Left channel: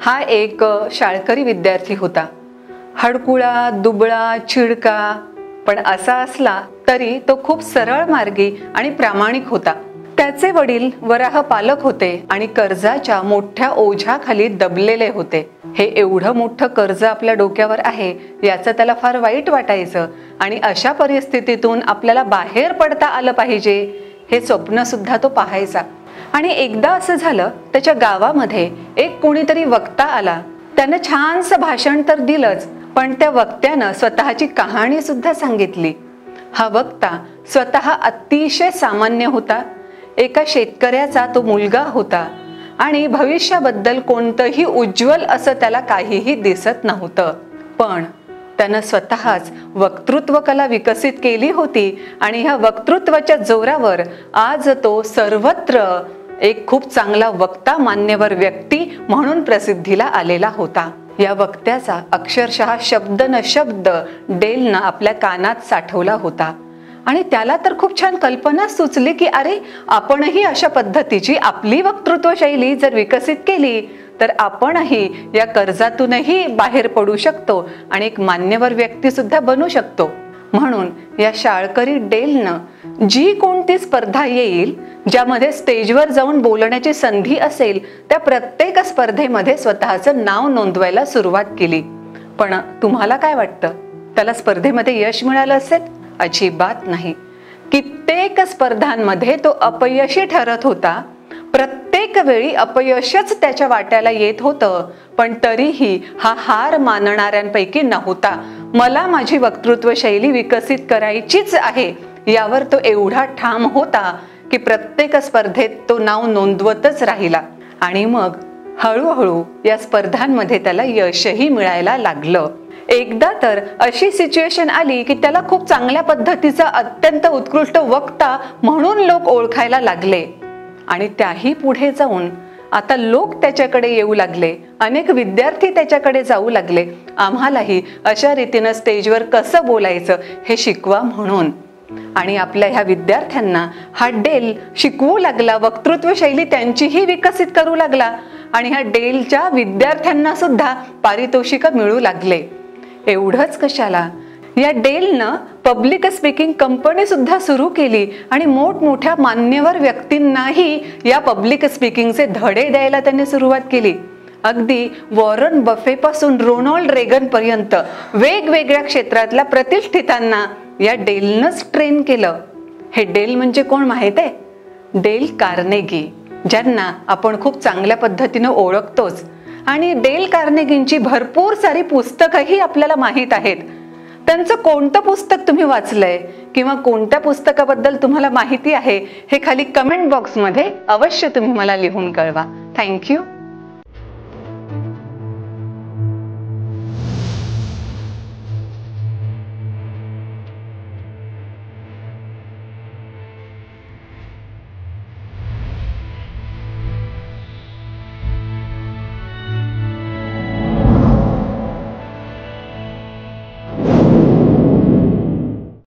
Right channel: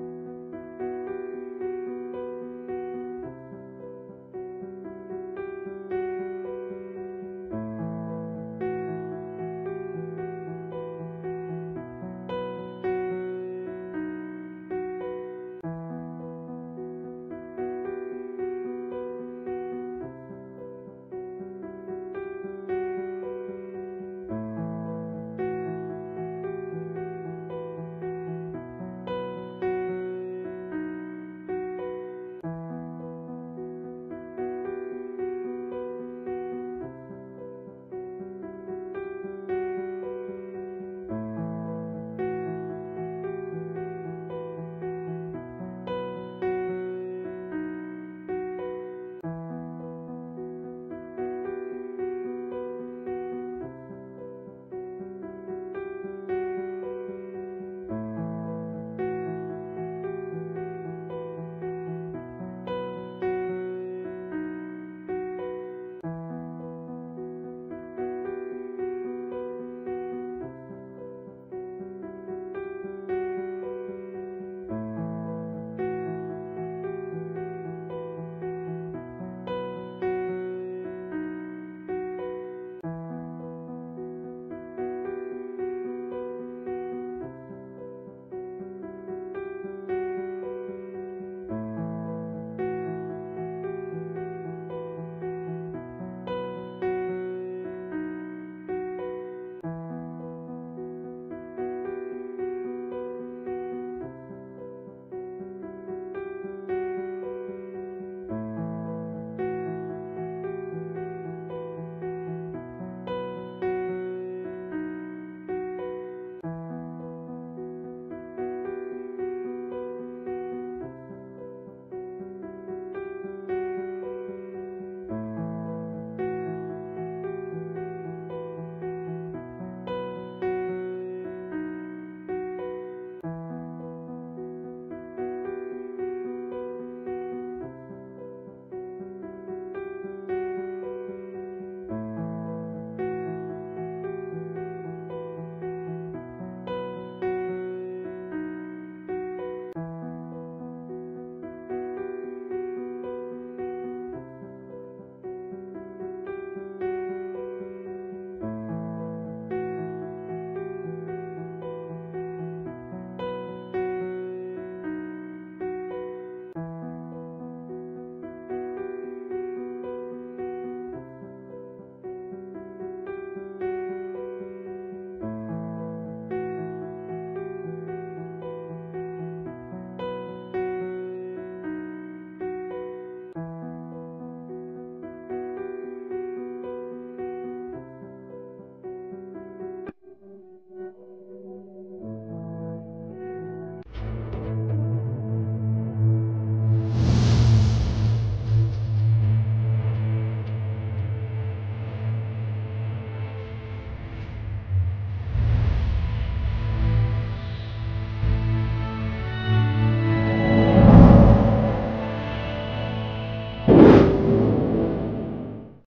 हा एक शाळकरी विद्यार्थी होता। हडकुळा, दुबळा, चिडका, पण असा असला तरी तो खूप सरळ मार्गी आणि प्रामाणिक होता। त्याचे वडील वराह पालक होते आणि कर्जाच्या मोठ्या ओझ्याखाली दबलेले होते। हे एवढं मोठं कर्ज आपल्या डोक्यावर आहे याचं त्याला फार वाईट वाटायचं आणि अशा परिस्थितीतून आपल्याला बाहेर पडता आलं पाहिजे हे स्वप्न सुद्धा तो पाहायचा। आणि एकदा असं झालं, त्याच्या गावामध्ये एक कोणीतरी वक्ता आला। त्यानं छानसं भाषण तर दिलंच, पण त्या वक्त्यानं स्वतःची कहाणी सुद्धा सांगितली। हा वक्ता स्वतः अतिशय सामान्य होता। एका शेतकऱ्याचा तो मुलगा होता आणि भविष्याबद्दल कोणतंही उज्ज्वल असं त्याला काहीही दिसत नव्हतं। पण त्यानं स्वतःच वक्तृत्व कला विकसित केली होती आणि ह्या वक्तृत्वाच्या जोरावर आज तो सर्वत्र एक खूप चांगला वक्ता, मान्यवर व्यक्ती म्हणून प्रसिद्धीला आलेला होता। या वक्त्याचा अक्षरशः शब्द न शब्द डेलनं आपल्या कानात साठवला होता आणि त्याला तर खूप छान कल्पना सुचली की अरे, आपणही अशा पद्धतीची आपली वक्तृत्व शैली जर विकसित केली तर आपणही या कर्जातूनही बाहेर पडू शकतो आणि एक मान्यवर व्यक्ती सुद्धा बनू शकतो। म्हणून या शाळकरी डेलनं जी कोणती स्पर्धा येईल, ज्यामध्ये स्टेजवर जाऊन बोलण्याची संधी असेल, त्या प्रत्येक स्पर्धेमध्ये स्वतःचं नाव नोंदवायला सुरुवात केली। पण तुम्हाला काय वाटतं, त्याला स्पर्धेमध्ये यश मिळालं असेल? अजिबात नाही। कित्येक स्पर्धांमध्ये तो अपयशी ठरत होता। प्रत्येक वेळी अपयशच त्याच्या वाट्याला येत होतं, पण तरीही हा हार मानणाऱ्यांपैकी नव्हता। मला माझी वक्तृत्व शैली विकसित करायचीच आहे यावर तो एवढा ठाम होता की प्रत्येक स्पर्धेत तो नाव नोंदवतच राहिला आणि मग हळूहळू या स्पर्धांमध्ये त्याला यशही मिळायला लागलं। एकदा तर अशी सिच्युएशन आली की त्याला खूप चांगल्या पद्धतीचा अत्यंत उत्कृष्ट वक्ता म्हणून लोक ओळखायला लागले आणि त्याही पुढे जाऊन आता लोक त्याच्याकडे येऊ लागले, अनेक विद्यार्थी त्याच्याकडे जाऊ लागले, आम्हालाही अशा रीतीनं स्टेजवर कसं बोलायचं हे शिकवा म्हणून। आणि आपल्या ह्या विद्यार्थ्यांना हा डेल शिकवू लागला, वक्तृत्व शैली त्यांचीही विकसित करू लागला आणि ह्या डेलच्या विद्यार्थ्यांना सुद्धा पारितोषिक मिळू लागले। एवढंच कशाला, या डेलनं पब्लिक स्पीकिंग कंपनी सुद्धा सुरू केली आणि मोठमोठ्या मान्यवर व्यक्तींनाही या पब्लिक स्पीकिंगचे धडे द्यायला त्यांनी सुरुवात केली। अगदी वॉरन बफे पासून रोनाल्ड रेगन पर्यंत वेगवेगळ्या क्षेत्रातल्या प्रतिष्ठितांना या डेलनंच ट्रेन केलं। हे डेल म्हणजे कोण माहित आहे? डेल कार्नेगी, ज्यांना आपण खूप चांगल्या पद्धतीनं ओळखतोच आणि डेल कार्नेगींची भरपूर सारी पुस्तकंही आपल्याला माहीत आहेत। त्यांचं कोणतं पुस्तक तुम्ही वाचलंय किंवा कोणत्या पुस्तकाबद्दल तुम्हाला माहिती आहे हे खाली कमेंट बॉक्समध्ये अवश्य तुम्ही मला लिहून कळवा। थँक्यू।